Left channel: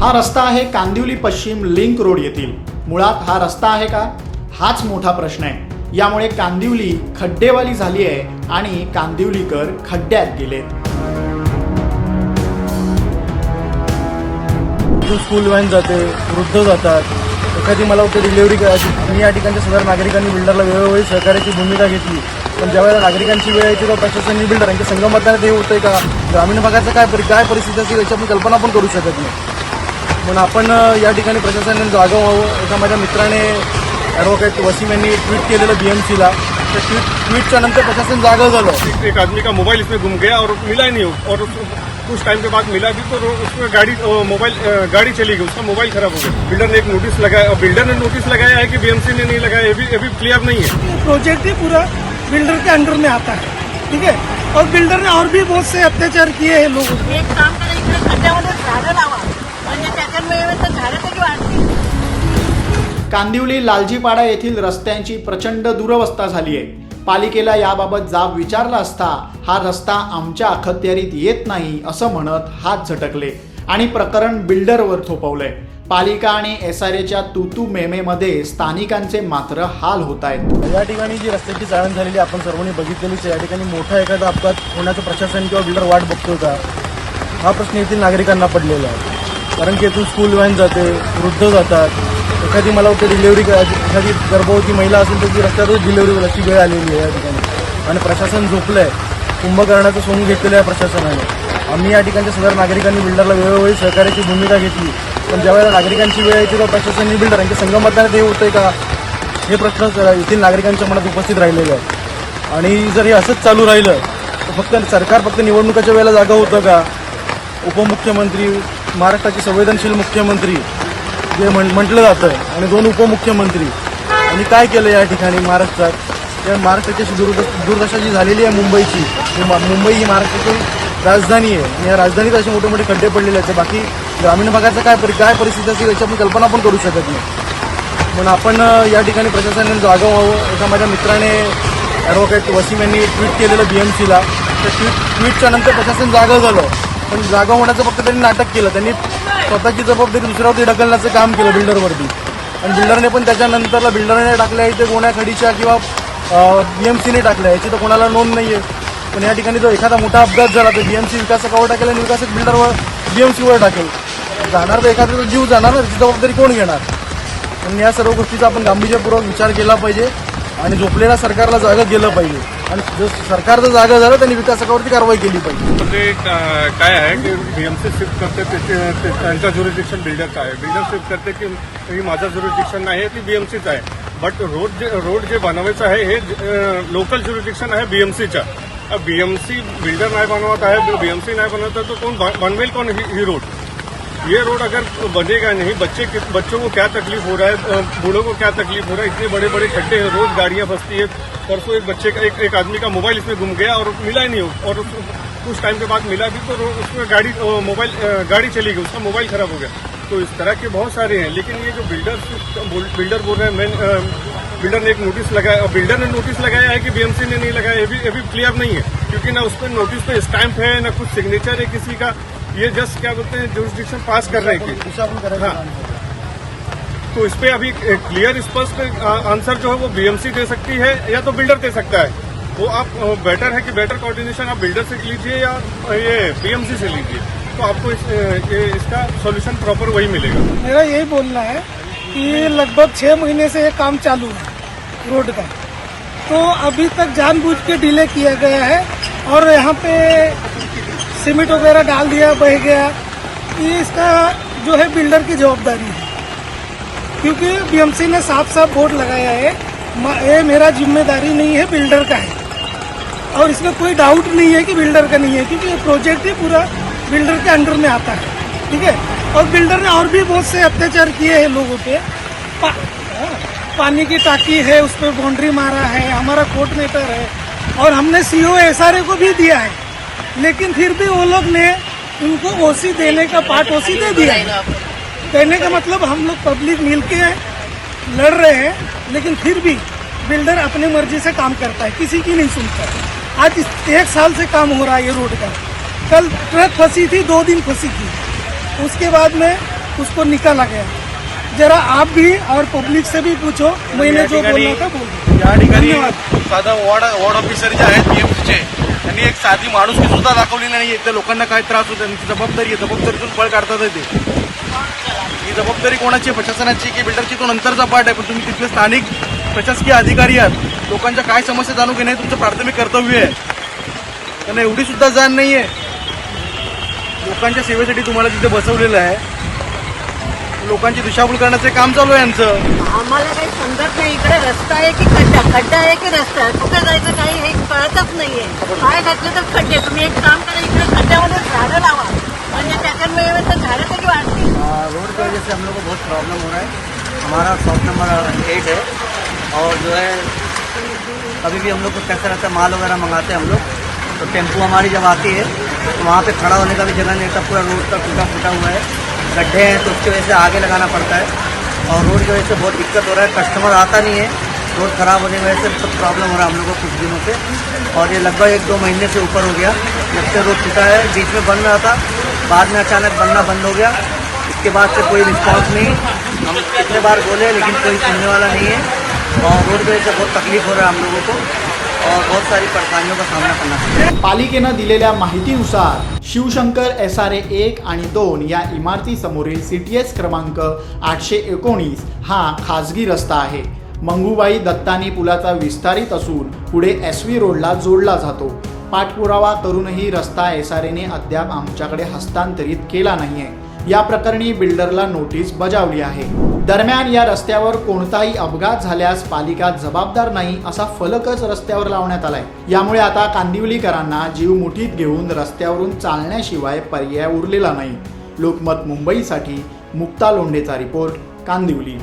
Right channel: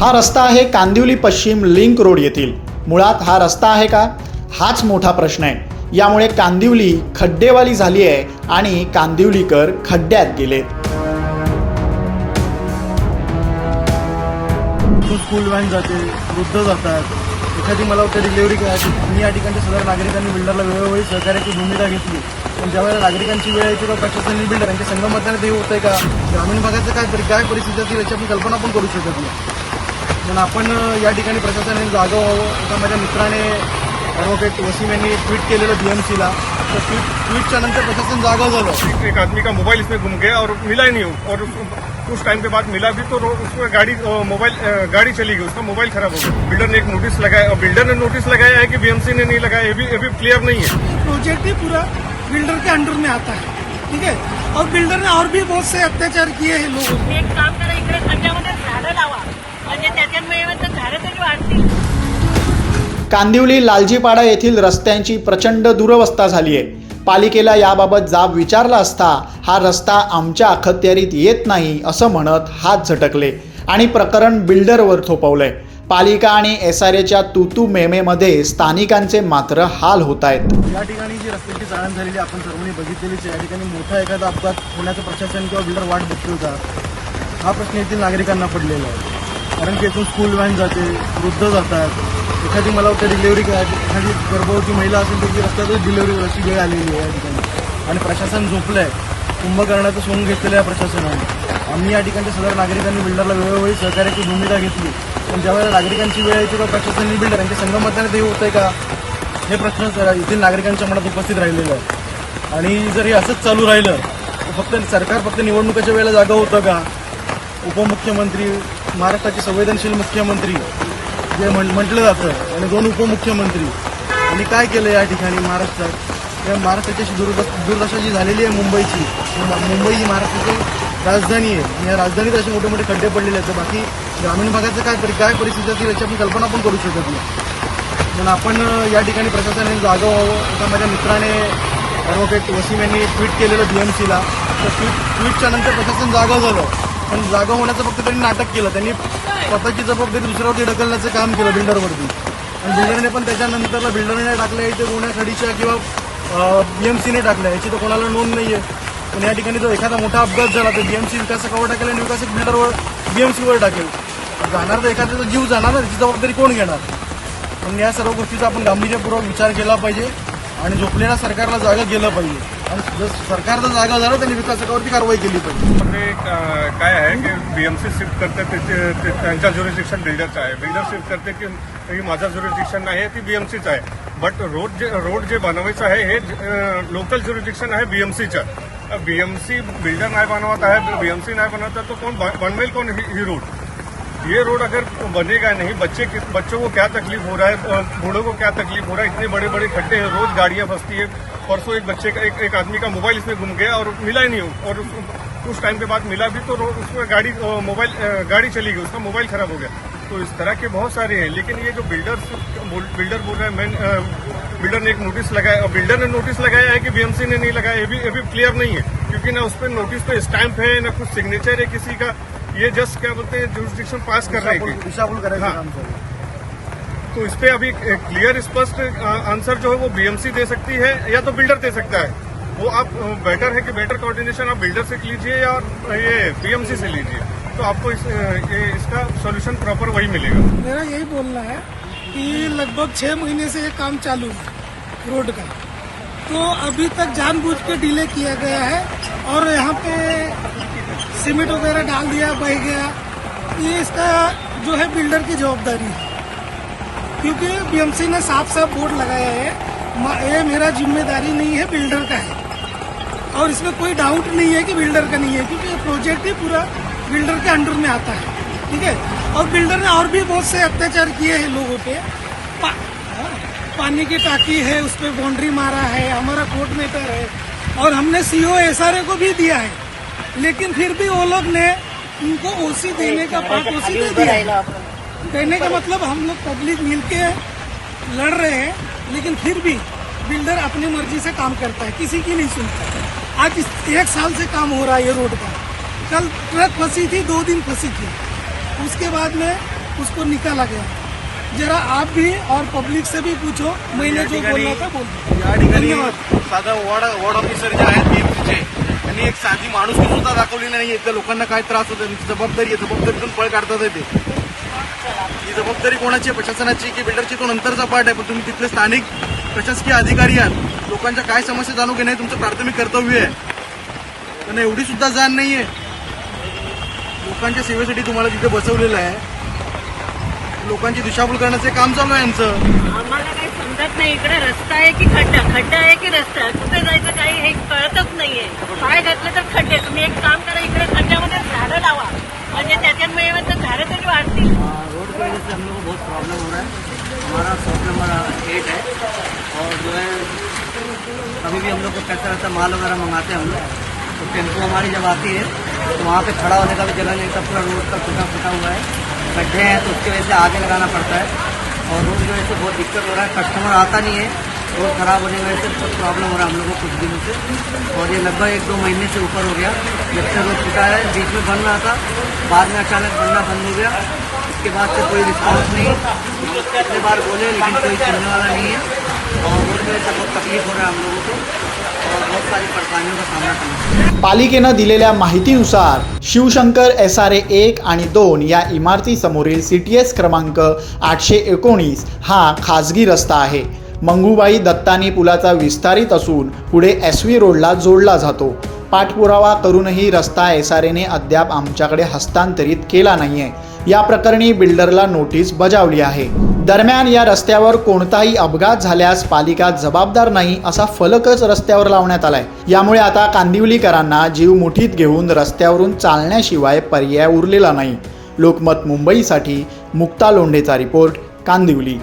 हा रस्ता आहे कांदिवली पश्चिम लिंक रोड येथील. मुळात हा रस्ता आहे का? हाच मोठा प्रश्न आहे. यामुळे कांदिवली खड्डेवाली झाली आहे आणि कांदिवलीकर खड्ड्यात गेले. स्कूल व्हॅन जाते वृद्ध जातात. एखादी मला वाटतं डिलिव्हरी करायची. मी या ठिकाणच्या सगळ्या नागरिकांनी बिल्डरला वेळोवेळी सहकार्याची भूमिका घेतली. पण ज्यावेळेला नागरिकांची वेळ येते तेव्हा प्रशासनाने बिल्डर यांच्या संगमताने ते होतंय का? ग्रामीण भागाचं काय परि- काय परिस्थिती असेल याची कल्पना पण करू शकत नाही. पण आपण या ठिकाणी प्रशासनाने जागं व्हावं. एका माझ्या मित्राने ॲडव्होकेट वसीम यांनी ट्विट केलेलं बीएमसीला त्या ट्विट ट्विटच्या नंतर प्रशासन जागं झालं. एक आदमी का मोबाइल इसमें गुम गया और मिला ही नहीं। और उस- कुछ टाइम के बाद मिला भी तो उसमें गाड़ी मोबाइल गाड़ी चली गई। उसका मोबाइल खराब हो गया। बिल्डर ने एक नोटिस लगाया बिल्डर ने नोटिस लगाया है कि बीएमसी ने नहीं लगाया। ये भी ये भी क्लियर नहीं है। प्रोजेक्ट ही पूरा बिल्डर के अंडर में आता है। ठीक है? और बिल्डर ने और भी बहुत से अत्याचार किए हैं लोगों. एक काम करा इकडे खड्ड्यामध्ये झाडं लावा. म्हणजे त्याच्यामुळे तर झाडं तरी वाढतील. कांदिवली लालजीपाडा येथील रस्त्यांची प्रचंड दुरवस्था झाली आहे. पालिकेला याबाबत जाब विचारला असता हा रस्ता आमच्या अखत्यारीत येत नाही असं म्हणत हात झटकले आणि प्रकरण बिल्डरवर थोपवलंय. पालिका आणि एस आर एच्या तुतू मेमेमध्ये स्थानिकांचे मात्र हाल होत आहेत. या ठिकाणी जी रस्त्याची चाळण झालेली आपण सर्वांनी बघितलेलीच आहे. या ठिकाणी मोठा एखादा अपघात होण्याचं प्रशासन किंवा बिल्डर वाट बघतोय का? हा प्रश्न येथील नागरिकांना पडलेला आहे. कारण की इथून स्कूल व्हॅन जाते वृद्ध जातात. एखादी मला वाटतं डिलिव्हरी एखादी गर्भवती महिला असून त्याची रस्त्यातच डिलिव्हरी करायची वेळ आलेली आहे या ठिकाणी. आणि प्रशासन झोपलं आहे कुंभकर्णाचं सोंग घेतलेलं आहे प्रशासनाने. आम्ही या ठिकाणच्या सगळ्या नागरिकांनी बिल्डरला वेळोवेळी सहकार्याची भूमिका घेतली. पण ज्यावेळेला नागरिकांची वेळ येते तेव्हा प्रशासनने बिल्डर यांच्या संगमताने ते होतंय का? हे प्रश्न येथील नागरिकांच्या मनात उपस्थित राहिलेलं आहे आणि जर हे असंच चालू राहिलं तर फक्त सरकार फक्त निवडणुकाच्या वेळेला जागा होतं का? उपमुख्यमंत्री महाराष्ट्राचे संवेदनशील मुख्यमंत्री जे म्हण- म्हटलं जातं आणि दोन उपमुख्यमंत्री आणि काय केलं या ठिकाणी महाराष्ट्रात? या महाराष्ट्राची दुर्द दुर्दशा जी झालेली आहे मुंबईची मा- मुंबई ही महाराष्ट्राची राजधानी आहे या राजधानीत असे मोठे मोठे खड्डे पडलेले आहेत. बाकी ग्रामीण भागाचं काय परि- काय परिस्थिती असेल याची आपण कल्पना पण करू शकत नाही. पण आपण या ठिकाणी प्रशासनाने जागं व्हावं. एका माझ्या मित्राने ॲडव्होकेट वसीम यांनी ट्विट केलेलं बीएमसीला त्या ट्विट ट्विटच्या नंतर प्रशासन जागं झालं. पण जागा होण्याचं फक्त त्यांनी नाटक केलं. त्यांनी स्वतःची जबाबदारी दुसऱ्यावरती ढकलण्याचं काम केलं बिल्डरवरती. आणि बिल्डरने पण त्याच्यानंतरला बिल्डरने टाकल्या इथे गोण्या खडीच्या किंवा बीएमसीने टाकल्या. याची तर कोणाला नोंद नाही आहे पण या ठिकाणी जर एखादा मोठा अपघात झाला तर बीएमसी विकासकावर टाकेल आणि विकासक बिल्डरवर बीएमसीवर टाकेल. जाणार तर एखाद्याचा जीव जाणार ना त्याची जबाबदारी कोण घेणार? म्हणून या सर्व गोष्टीचा आपण गांभीर्यपूर्वक विचार केला पाहिजे. आणि झोपलेल्या सरकारला जागा गेलं पाहिजे. आणि जर सरकार जर जागा झालं त्यांनी विकासकावरती कारवाई केली पाहिजे. ते का- काय आहे की बीएमसी शिफ्ट करते ते- ते- ते- त्यांचा ज्युरिडिक्शन बिल्डरचा आहे. बिल्डर शिफ्ट करते की की माझा ज्युरिस्डिक्शन नाही आहे ती बीएमसीच आहे. बट रोड जे रोड जे बनवायचं आहे हे लोकल ज्युरिस्डिक्शन आहे बीएमसीचं बीएमसी बिल्डर नाही बनवत आहे बीएमसी नाही बनवत आहे तर कोण बनवेल कोण ही ही रोड ये रोड अगर बनेगा नहीं बच्चे बच्चों को क्या तकलीफ़ हो रहा है बूढ़ों को क्या तकलीफ़ हो रहा है इतने बड़े बड़े खड्डे हैं रोज गाड़ियाँ फंसती है परसों एक बच्चे का एक, एक आदमी का मोबाइल इसमें घूम गया और मिला ही नहीं। और कुछ टाइम के बाद मिला भी तो उसमें गाड़ी मोबाइल गाड़ी चली गई उसका मोबाइल खराब हो गया तो इस तरह के बहुत सारे हैं लेकिन ये जो बिल्डर बिल्डर बोल रहे हैं मेन बिल्डर ने एक नोटिस लगाया बिल्डर ने नोटिस लगाया है कि बीएमसी ने नहीं लगाया ये भी ये भी क्लियर नहीं है क्योंकि ना उस पर नोटिस पे स्टैंप है ना कुछ सिग्नेचर है किसी का ये जस्ट क्या बोलते हैं जुरिस्डिक्शन पास करने की दिशाभूल करायचं हाँ। तो इस पे अभी क्लियर स्पष्ट आंसर जो है वो बीएमसी दे सकती है या तो बिल्डर दे सकता है। वो आप बेटर है कि बेटर कोऑर्डिनेशन आप बिल्डर से लीजिए या ये बीएमसी से लीजिए। तो आपको इस, ये इसका सॉल्यूशन प्रॉपर वही मिलेगा। मेरा यही बोलना है कि लगभग छह महीने से ये काम चालू है रोड का। तो अभी तक जानबूझ के डिले किया गया है और यहाँ पे सीमेंट वगैरह डाल दिया बह गया। ये इसका जो है बिल्डर की जवाबदारी है। क्योंकि बीएमसी ने साफ़ साफ़ बोर्ड लगाया है ये मेरा ज़िम्मेदारी नहीं है बिल्डर का है। और इसमें कोई डाउट नहीं है कि बिल्डर का नहीं है क्योंकि ये प्रोजेक्ट ही पूरा बिल्डर के अंडर में आता है। ठीक है? और बिल्डर ने और भी बहुत से अत्याचार किए हैं लोगों पे। पा, हाँ, पानी की टाकी है उस पर बाउंड्री मारा है हमारा कोर्ट मेटर है। और हमने सीओ एसआरए को भी दिया है। लेकिन फिर भी वो लोग ने उनको ओसी देने का पार्ट ओसी दे दिया। है कहने का मतलब हम लोग पब्लिक मिल के लड़ रहे हैं लेकिन फिर भी बिल्डर अपनी मर्ज़ी से काम करता है किसी की नहीं सुनता। है आज एक साल से काम हो रहा है ये रोड का। कल ट्रक फंसी थी दो दिन फंसी थी। उसके बाद में उसको निकाला गया। जरा आप भी और पब्लिक से भी पूछो मैंने जो बोलना था बोल दिया। धन्यवाद। साधा वॉर्ड वॉर्ड ऑफिसर जे आहेत बीएमसीचे त्यांनी एक साधी माणुसकी सुद्धा दाखवलेली नाही. त्या लोकांना काय त्रास होतो त्यांची जबाबदारी आहे. जबाबदारीतून पळ काढतात ते. ही जबाबदारी कोणाची आहे? प्रशासनाची की बिल्डरची? तो नंतरचा पार्ट आहे. पण तुम्ही तिथले स्थानिक प्रशासकीय अधिकारी आहात. लोकांच्या काय समस्या जाणून घेणे हे तुमचं प्राथमिक कर्तव्य आहे. त्यांना एवढी सुद्धा जाण नाही आहे लोकांच्या सेवेसाठी तुम्हाला तिथे बसवलेलं आहे लोकांची दिशाभूल करण्याचे काम चालू आहे यांचं आम्हाला काही समजत नाही. इकडे रस्ता आहे की खड्डा? खड्डा आहे की रस्ता? आहे कुठे जायचं काही हे कळतच नाहीये. पाय घातले तर खड्डे. तुम्ही एक काम करा इकडे खड्ड्यामध्ये झाडं लावा. म्हणजे त्याच्यामुळे तर झाडं तरी वाढतील. रोड की वजह से हम लोग को बहुत प्रॉब्लम हो रहा है. हमारा शॉप नंबर एट है. और जो है कभी भी हम लोग को कैसा रहता है माल वगैरह मंगाते हैं हम लोग. तो टेम्पो हमारी जब आती है तो वहाँ पे खड़ा होने का भी जगह नहीं रहता पूरा रोड का टूटा फूटा हुआ है. गड्ढे हैं तो उसकी वजह से आगे लगाना पड़ता है। और रोड की वजह से बहुत दिक्कत हो रहा है कस्टमर आता नहीं है। रोड खराब होने की वजह से बहुत प्रॉब्लम हो रहा है हम लोग को कुछ दिनों से। और ये लगभग एक दो महीने से ऊपर हो गया, जब से रोड टूटा है। बीच में बन रहा था, बाद में अचानक बनना बंद हो गया। इसके बाद से कोई रिस्पॉन्स नहीं। हम कितने बार बोले, लेकिन कोई सुनने वाला नहीं है। और रोड की वजह से बहुत तकलीफ़ हो रहा है हम लोगों को। और बहुत सारी परेशानियों का सामना करना पड़ पालिकेनं दिलेल्या माहितीनुसार शिवशंकर एस आर ए एक आणि दोन या इमारतीसमोरील सी टी एस क्रमांक आठशे एकोणीस हा खाजगी रस्ता आहे. मंगूबाई दत्तानी पुलाचा विस्तारित असून पुढे एस व्ही रोडला जोडला जातो. पाठपुरावा करूनही रस्ता एस आर एने अद्याप आमच्याकडे हस्तांतरित केला नाहीये. या प्रकरणी बिल्डरला नोटीस बजावली आहे. दरम्यान या रस्त्यावर कोणताही अपघात झाल्यास पालिका जबाबदार नाही असा फलकच रस्त्यावर लावण्यात आलाय. यामुळे आता कांदिवलीकरांना जीव मुठीत घेऊन रस्त्यावरून चालण्याशिवाय पर्याय उरलेला नाही. लोकमत मुंबईसाठी मुक्ता लोंढेचा रिपोर्ट कांदिवली.